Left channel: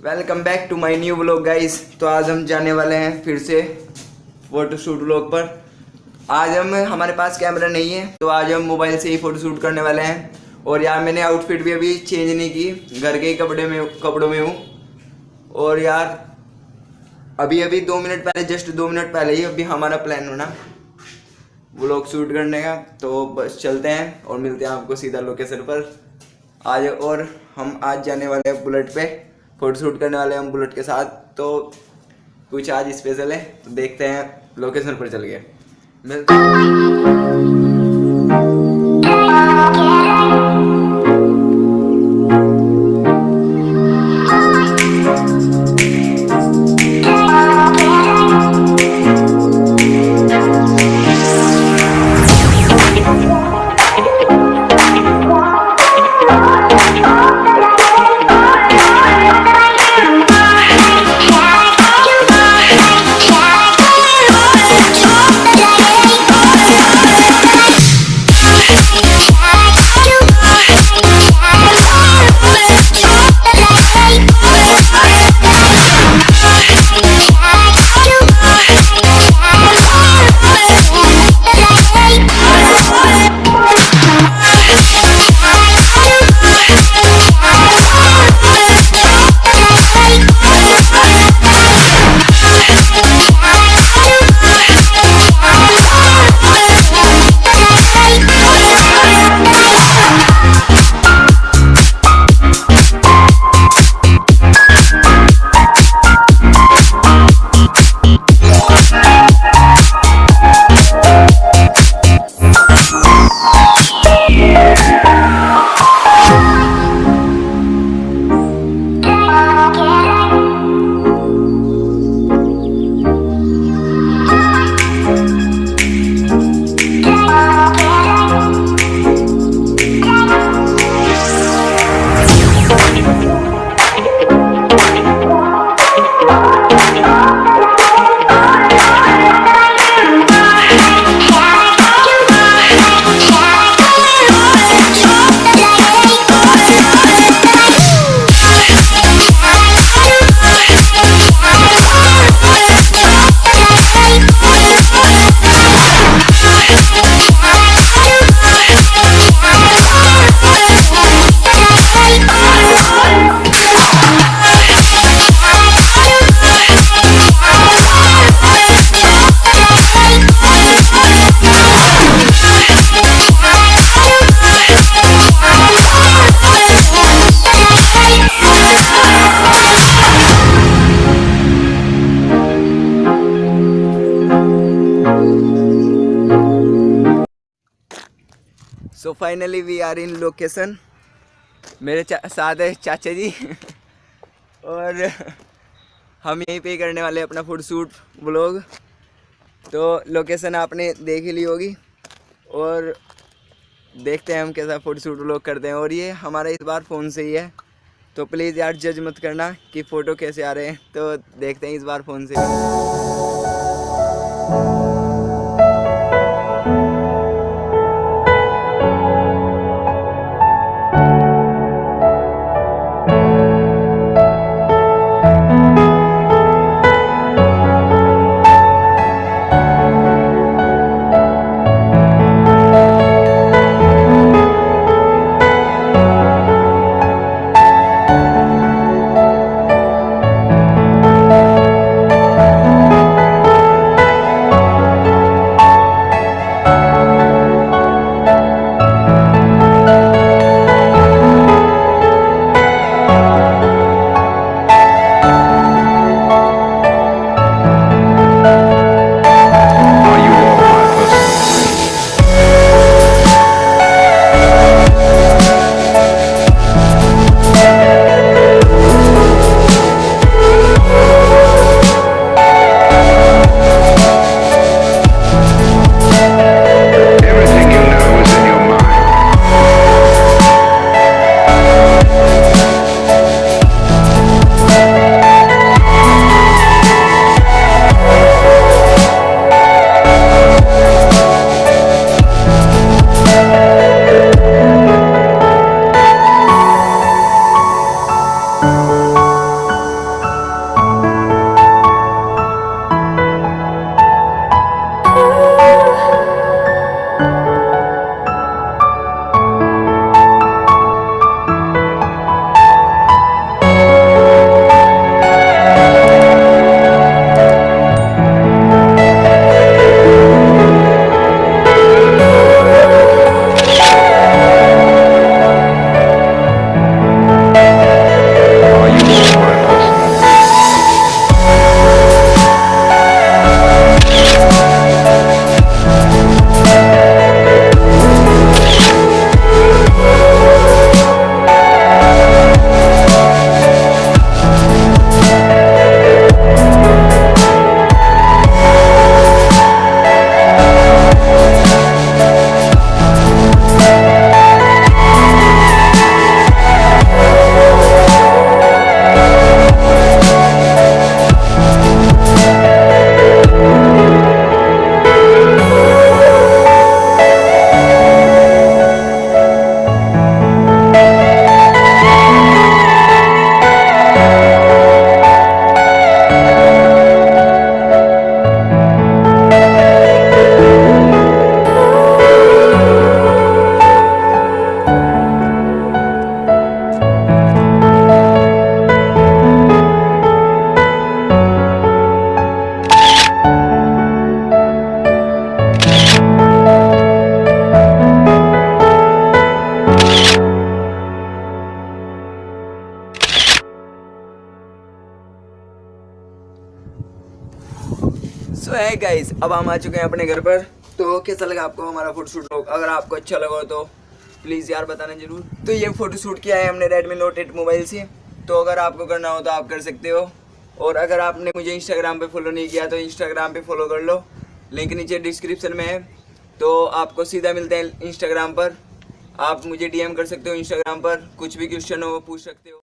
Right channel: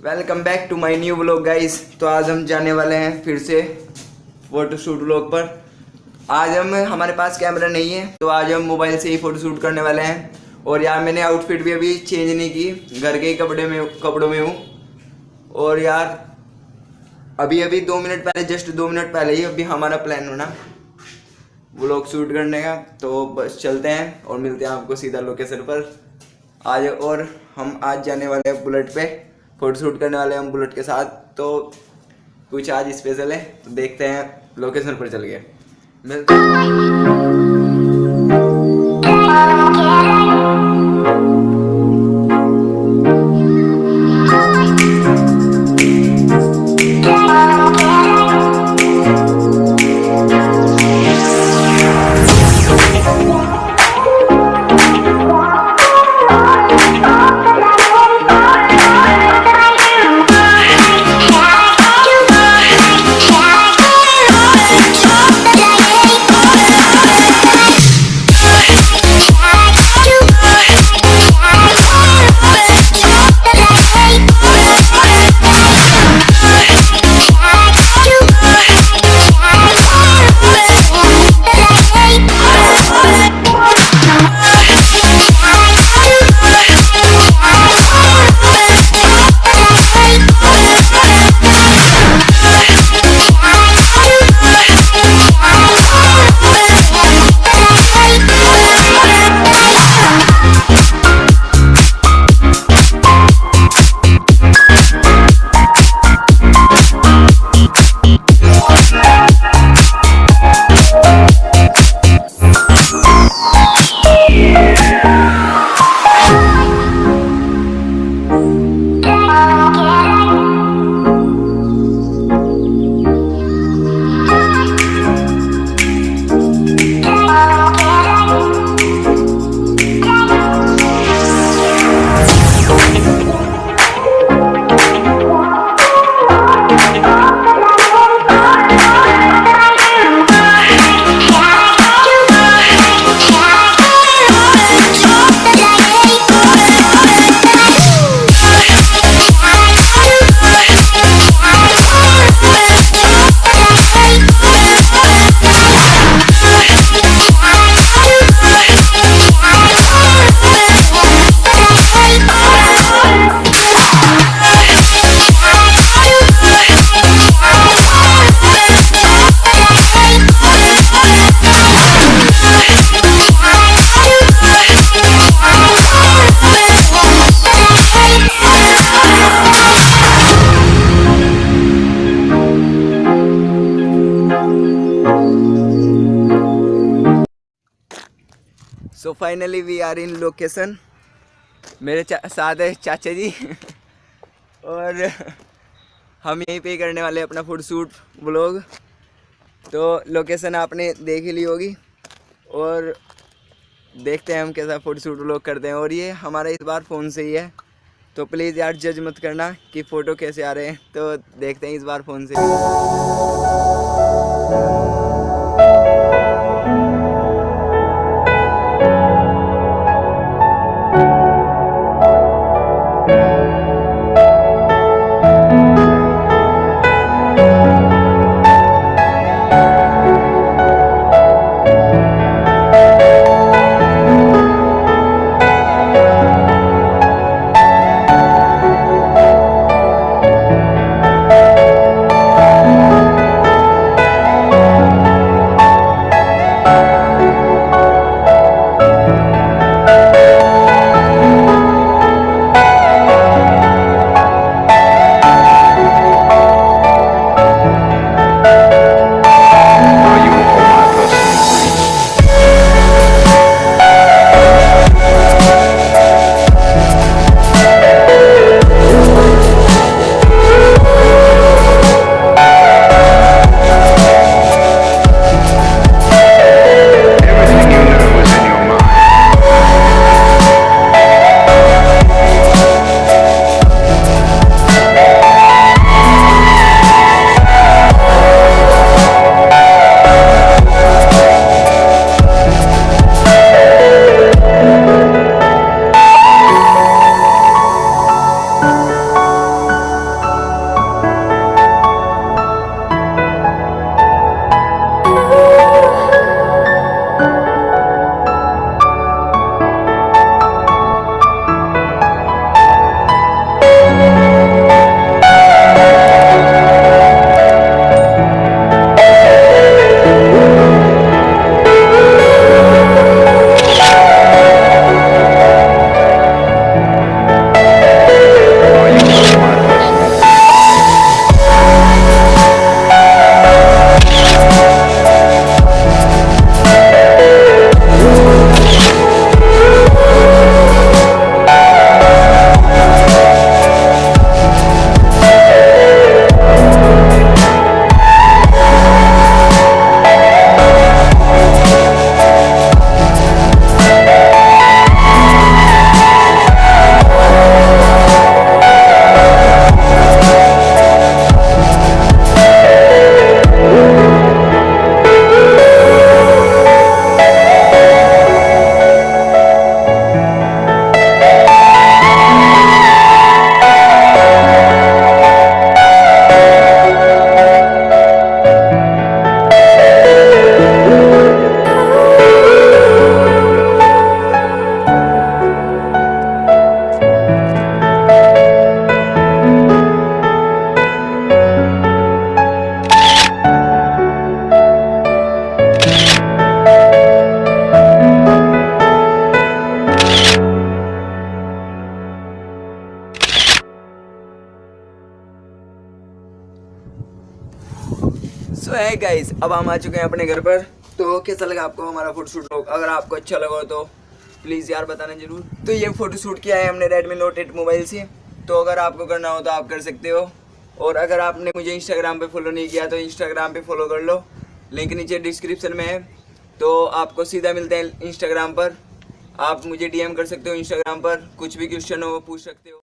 Welcome back to my new vlog guys. तो आज हम जाने वाले हैं फिर से फोटोशूट व्लॉग पर। आज हमारे पास कैमरा नहीं है, तो आज हम मोबाइल से ही फोटोशूट करने वाले हैं। और यार मैंने आउटफिट भी अभी चेंज नहीं की, घर के ही कपड़ों में हूँ। और यार अभी 2 मिनट पहले, जस्ट 2 मिनट पहले ही अभी हमारा प्लान बना व्लॉग शूट करने का। तो बस चलते हैं और मिलते हैं आपको सीधा लोकेशन पर आज। और हम आज जाने वाले हैं बुलेट पे, फोटोशूट करने वाले हैं हम बुलेट के साथ। तो कुछ आज स्पेशल है, तो देखते हैं लोकेशन पर चल गए मिलते हैं। So finally we are in location. मेरे साथ है चाचा जी और हम यहीं पे करने वाले हैं अपना फोटोशूट व्लॉग। तो लोकेशन आपने देख ही ली होगी और देखते हैं हम कैसा फोटोशूट व्लॉग करते हैं। और ये हमारा इस बार फ़ोन से ही है, तो प्लीज़ यार जज मत करना कि फ़ोटो कैसे आ रहे हैं। तो देखते हैं इस बार फ़ोन से भी। है गाइस, अब हम आ चुके हैं अपने घर पर। तो कैसा लगा आपको हमारा फोटोशूट व्लॉग? अगर आपको अच्छा लगा हो तो प्लीज़ यार बताना जरूर। तो ये फोटोशूट किया है हमने रेडमी नोट 8 मोबाइल से। तो अगर आपको करना हो तो आप कर सकते हो। और अगर आपने मुझे इंस्टाग्राम पे फॉलो नहीं किया तो इंस्टाग्राम पे फॉलो कर लो, लिंक नीचे डिस्क्रिप्शन में है। तो आपको सीधा मिलते हैं इंस्टाग्राम पर। आप मुझे डीएम कर सकते हो इंस्टाग्राम पर, कुछ भी क्वेश्चन हो वो पूछ सकते हो।